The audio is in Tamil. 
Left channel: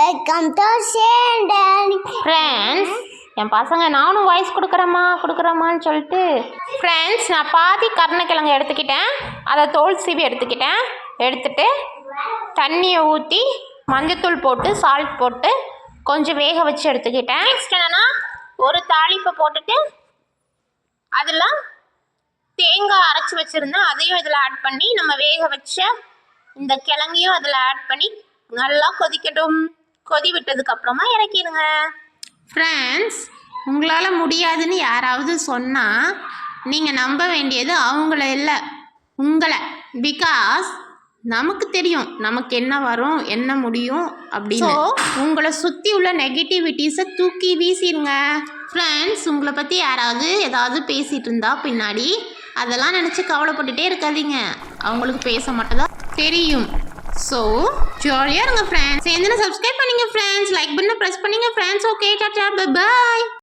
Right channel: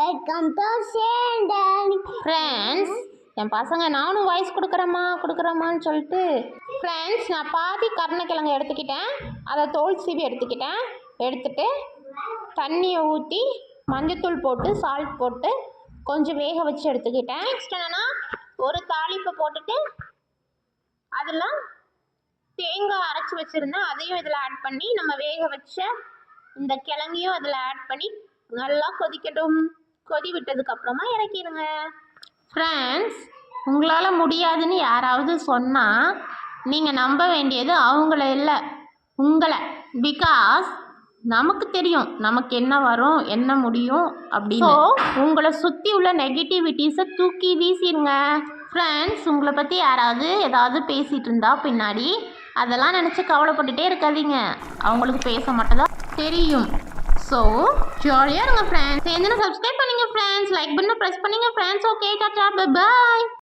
வெல்கம் டு சேண்டன் ஃப்ரெண்ட்ஸ். என் பசங்க நானும் வாய்ஸ் கொடுக்குறேம்மான்னு சொல்லிட்டு ஃப்ரெண்ட்ஸ், நான் பாதி கருணக்கிழங்கு எடுத்துக்கிட்டேன். அதை தோல் சீவி எடுத்துட்டு தண்ணியை ஊற்றி மஞ்சத்தூள் போட்டு சால்ட் போட்டு கொஞ்சம் வேக வச்சு எடுத்துக்கிட்டேன். நெக்ஸ்ட் என்னென்னா, ஒரு தாளிப்பை போட்டுட்டு அதில் தேங்காய் அரைச்சி வச்சுருந்தேன், அதையும் இதில் ஆட் பண்ணி நம்ம வேக வச்ச இந்த கிழங்கையும் அதில் ஆட் பண்ணி நல்லா கொதிக்கட்டும். கொதி விட்டதுக்கப்புறமா இறக்கிடுங்க. ஃப்ரெண்ட்ஸ், உங்களால் முடியாதுன்னு யாராவது சொன்னால் நீங்கள் நம்ப வேண்டியது அவங்கள இல்லை, உங்களை. பிகாஸ் நமக்கு தெரியும் நமக்கு என்ன வரும் என்ன முடியும் அப்படின்னு. உங்களை சுற்றி உள்ள நெகட்டிவிட்டிஸை தூக்கி வீசிடுங்க. ஃப்ரெண்ட்ஸ், உங்களை பற்றி யாராவது ஏதாவது பேசிகிட்டு இருந்தா பின்னாடி அதெல்லாம் நினச்சி கவலைப்பட்டுட்டே இருக்காதீங்க. அவங்களுக்கு பேச மட்டும்தான் தெரியும். ஸோ ஜாலியாக இருங்க ஃப்ரெண்ட்ஸ். சேர்ந்து சப்ஸ்கிரைப் பண்ணிங்க ஃப்ரெண்ட்ஸ், லைக் பண்ண ப்ரெஸ் பண்ணிங்க friends. Okay, Tata, bye bye.